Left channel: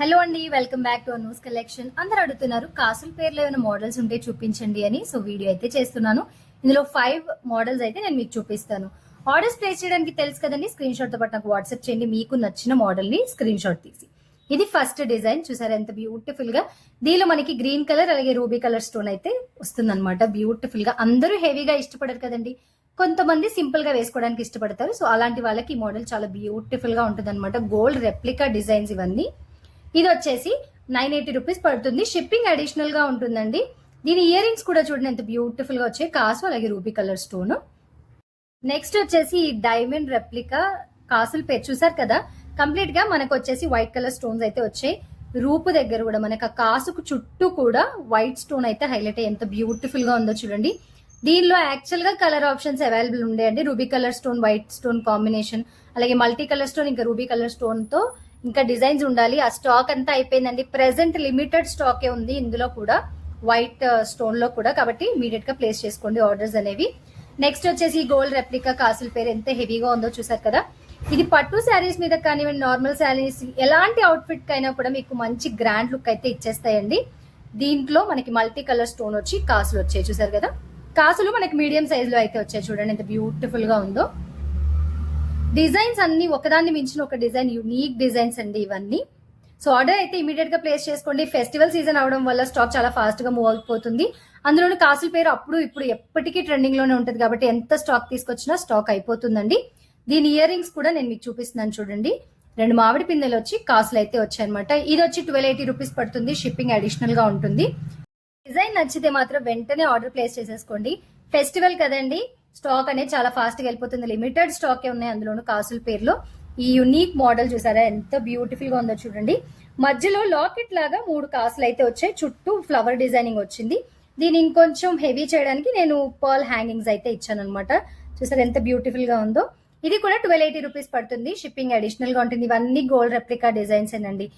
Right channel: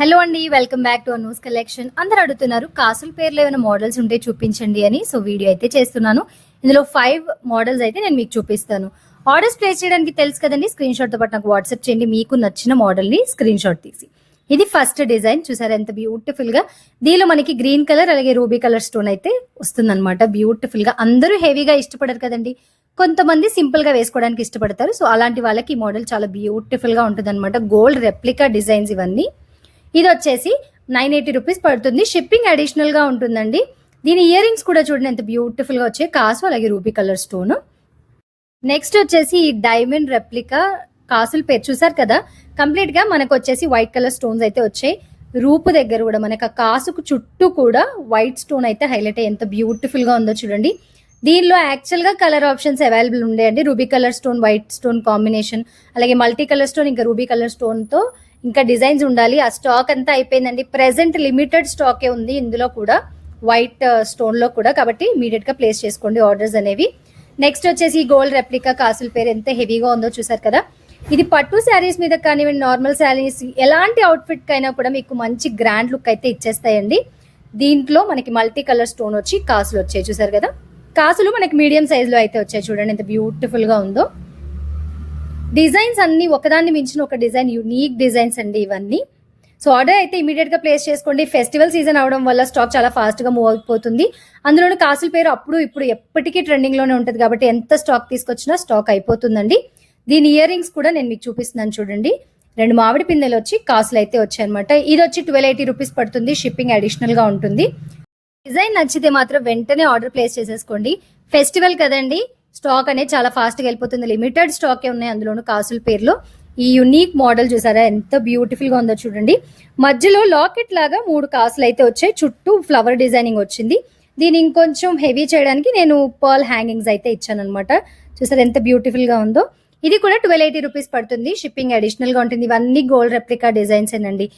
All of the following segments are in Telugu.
హలో అండి, welcome back to Anu's collection. అందరు అడుగుతున్నారు కాసుల పేర్లు ఏమైనా మోడల్స్ ఉంటే చూపించండి అని. సో వీడియో అయితే చేస్తున్నాను. ఇందులో 5 మోడల్స్ అయితే నేను మీకు చూపిస్తాను. ఆర్డర్స్ ప్లేస్ చేయడానికి తెలుసు కదండి, స్క్రీన్ షాట్ తో పాటు నాకు వాట్సాప్ చేయండి మీకు నచ్చిన మోడల్ ని స్క్రీన్ షాట్ తీసి. ఇది ఫస్ట్ డిజైన్ చూసారా ఎంత బ్యూటిఫుల్ గా. దీనిలో మనకి గ్రీన్ కలర్ అలాగే రూబీ కలర్ స్టోన్ అయితే వస్తుంది అనమాట. బ్యూటిఫుల్ గా, అందరూ హెవీగా ఇష్టపడరు కదండి, కొంతమంది సింపుల్ గా వేసుకోవడానికి ఇష్టపడతారు. సో అలాంటి వాళ్ళకి ఈ మోడల్ చాలా బ్యూటిఫుల్ గా ఉంటుంది అనమాట. గోల్డ్ రెప్లికా డిజైన్స్ ఇవన్నీ. ఇది వచ్చేసి 980 రూపీస్ పడుతుంది. షిప్పింగ్ అడిషనల్ గా ఉంటుందండి. దీని ఇయర్ రింగ్స్ కూడా చూడండి ఎంత బ్యూటిఫుల్ గా వచ్చాయి, కాసు అలాగే రూబీ కలర్ స్టోన్. నెక్స్ట్ వచ్చేసి ఈ డైమండ్ రెప్లికా కాసుల పేరు చూసారు కదా, కంప్లీట్ గా మనకు వచ్చేసి వైట్ కలర్ స్టోన్స్ అయితే వచ్చాయి. రూపు దగ్గర కూడా మనకు ఆ కాసుకు చుట్టూ కూడా వైట్ స్టోన్ అయితే హైలైట్ అయ్యి ఎంత బ్యూటిఫుల్ గా ఉందో చూడండి. దీనిలో యాక్చువల్ గా కలర్ ఆప్షన్స్ అవైలబుల్ ఉండేయండి. Ruby colour stone white stone combination, అలాగే మల్టీ కలర్ స్టోన్ ఇంకా రూబీ కలర్ స్టోన్ తో ఇంకా డిజైన్స్ ఉండాలి. ఆ స్టాక్ అంతా అయిపోయిందండి. ప్రెసెంట్ లిమిటెడ్ స్టాకే ఉంది ఇందులో కూడా, వైట్ స్టోన్ లో కూడా. కాబట్టి ఇమీడియట్ గా ప్లేస్ చేసుకోండి ఆర్డర్స్ అనేవి. నెక్స్ట్ వచ్చేసి గోల్డ్ రెప్లికా కాసుల పేరు ఎంత హెవీగా ఉందో చూసారు కదా. ఇది పట్టు శారీస్ మీద కానివ్వండి, నార్మల్ శారీస్, ఎలాంటి అవుట్ఫిట్ కైనా కూడా మీకు మంచి గ్రాండ్ లుక్ అయితే ఇచ్చేస్తాయండి. దీంట్లో మనకి మల్టీ కలర్ స్టోన్ వచ్చి కాసులు వచ్చాయి చూసారు కదా. కాసులు మనకి మీడియం సైజ్ లో అయితే వచ్చాయి చూడండి ఎంత బ్యూటిఫుల్ గా ఉందో. డిజైన్స్ అన్ని ఒకదాన్ని మించిన ఒక డిజైన్, యూనిక్ డిజైన్స్ అండి ఇవన్నీ. సో ఆర్డర్ అయితే ఇమీడియట్ గా ప్లేస్ చేసుకోండి. ఫెస్టివల్ సీజన్ అవడం వల్ల స్టాక్ చాలా ఫాస్ట్ గా మూవ్ అయిపోతుంది. అందులోని కాసుల పేరు అప్పుడు ఇప్పుడు ఎప్పటికీ ట్రెండింగ్ లోనే ఉంటుంది కాబట్టి ఎంత స్టాక్ తీసుకొచ్చినా స్టాక్ అయిపోతుందండి. దీని ఇయర్ రింగ్స్ కూడా నేను మీకు చూపిస్తున్నాను చూడండి. 2 మామిడి పిందెలు వచ్చి కాసులు అయితే వచ్చాయన్నమాట. ఇది వచ్చి 1280 రూపీస్ పడుతుంది. షిప్పింగ్ అడిషనల్ గా ఉంటుంది. డిజైన్ నచ్చితే మాత్రం వెంటనే ఆర్డర్ ప్లేస్ చేసేసుకోండి. ఫెస్టివల్ కదండి, స్టాక్ అనేది చాలా ఫాస్ట్ గా వెళ్ళిపోతుంది. లిమిటెడ్ స్టాకే ఉన్నాయి అందులోను కాసుల పేర్లో. ఈ యునిక్ మోడల్ చూసారా ఎంత బ్యూటిఫుల్ గా ఉందో చూడండి. మధ్యలో లాకెట్ లాగా 3 కాసులు అయితే వచ్చాయి, చుట్టూ ఫ్లవర్ డిజైనింగ్ వచ్చింది. దీని ఇంకొంచెం హెవీ చేయడానికి నేను పర్ల్ హ్యాంగింగ్స్ అయితే ఇచ్చాను అనమాట. చూసారా ఎంత బ్యూటిఫుల్ గా ఉందో. ఇది కూడా 1280 రూపీస్ పడుతుంది. షిప్పింగ్ అడిషనల్ గా ఉంటుంది. ఇవన్నీ గోల్డ్ రెప్లికా డిజైన్స్ ఏనండి.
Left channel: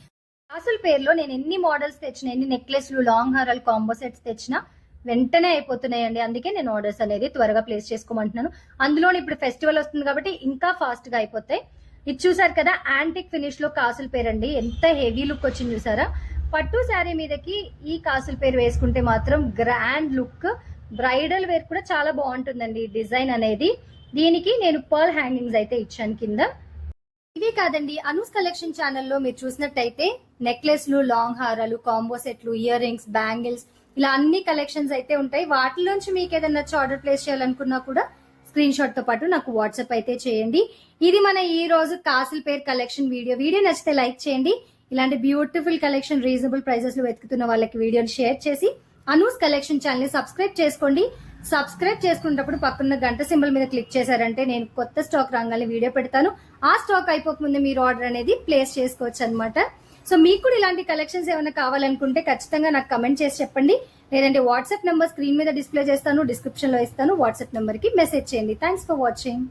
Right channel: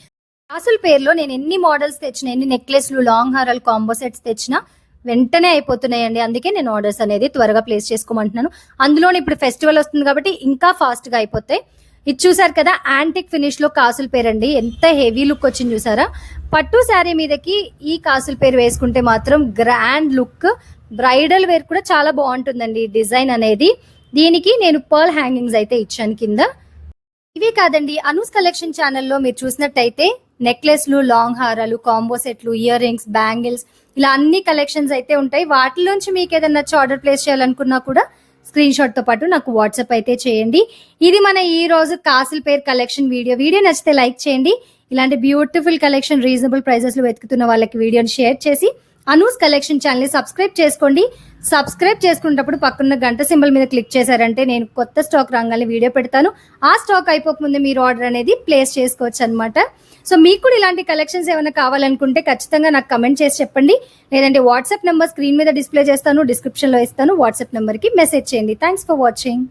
కాసుల పేర్లో నేను ఎన్ని మోడల్స్ తెచ్చినా, ఎన్ని నెక్లెస్లు, లాంగ్ హారాలు, కాంబో సెట్స్ తెచ్చినా వెంటనే అయిపోతున్నాయండి. అందుకే నేను ఆర్డర్స్ అనేది త్వరగా ప్లేస్ చేసుకోమంటున్నాను. అందులోని ఇప్పుడు ఫెస్టివల్ వస్తుంది కాబట్టి ఇంకా ఫాస్ట్ గా అయిపోతాయి. ఇది చూసారు కదా, యాంటిక్ ఫినిష్ లో కాసుల పేరు అండి. ఎంత హెవీ లుక్ వచ్చింది చూసారా. పట్టు శారీ మీదకి ఈ కాసుల పేరు వేసుకుంటే మాత్రం గ్రాండ్ లుక్, బ్రైడల్ వేర్ కూడా చాలా బాగుంటుందండి డిజైన్ అనేది. దీనికి నేను పర్ల్ హ్యాంగింగ్స్ అయితే ఇచ్చాను కింద. ఇవే కాదండి, అనూస్ కలెక్షన్ ఛానల్లో మీరు చూసినట్టయితే నెక్లెస్లు, లాంగ్ హారాలు, కాంబో సెట్లు, ఇయర్ రింగ్స్, బ్యాంగిల్స్, ఇలా అన్ని కలెక్షన్స్ అయితే ఉంటాయి. వాటిలోంచి మీకు ఏదైనా నచ్చి ఆర్డర్ ప్లేస్ చేయాలనుకున్నా కూడా స్క్రీన్ షాట్ తో పాటు నాకు వాట్సాప్ అయితే చేయండి. ఇది మన ఈ రోజు కాసుల పేరు కలెక్షన్ వీడియో నచ్చితే లైక్ చేయండి. ఇలాంటి బ్యూటిఫుల్ కలెక్షన్ రీజనబుల్ ప్రైజెస్ లో వెతుకుతున్న వాళ్ళకి వీడియోని షేర్ చేసి అనూస్ కలెక్షన్ ఛానల్ ని సబ్స్క్రైబ్ చేసుకోండి. సబ్స్క్రైబ్ చేసుకున్నప్పుడు పక్కన గంట సింబల్ మీద క్లిక్ చేశారంటే నేను కొత్త స్టాక్ రాగానే వీడియో పెడతాను. ఆ స్టాక్ అయిపోకముందే మీరు ఆర్డర్ అనేది ప్లేస్ చేసుకోవచ్చు అనమాట. సో మీకు కూడా ఇలాంటి కలెక్షన్స్ ఏమైనా కావాలనుకుంటే ఖచ్చితంగా నాకు కమెంట్ చేసి చెప్పండి. లేదంటే వాట్సాప్ నెంబర్ స్క్రీన్ మీద డిస్ప్లే చేస్తాను, డిస్క్రిప్షన్ లో ఇస్తాను. వాట్సాప్ నెంబర్ కి మెసేజ్ చేయండి. Thanks for watching.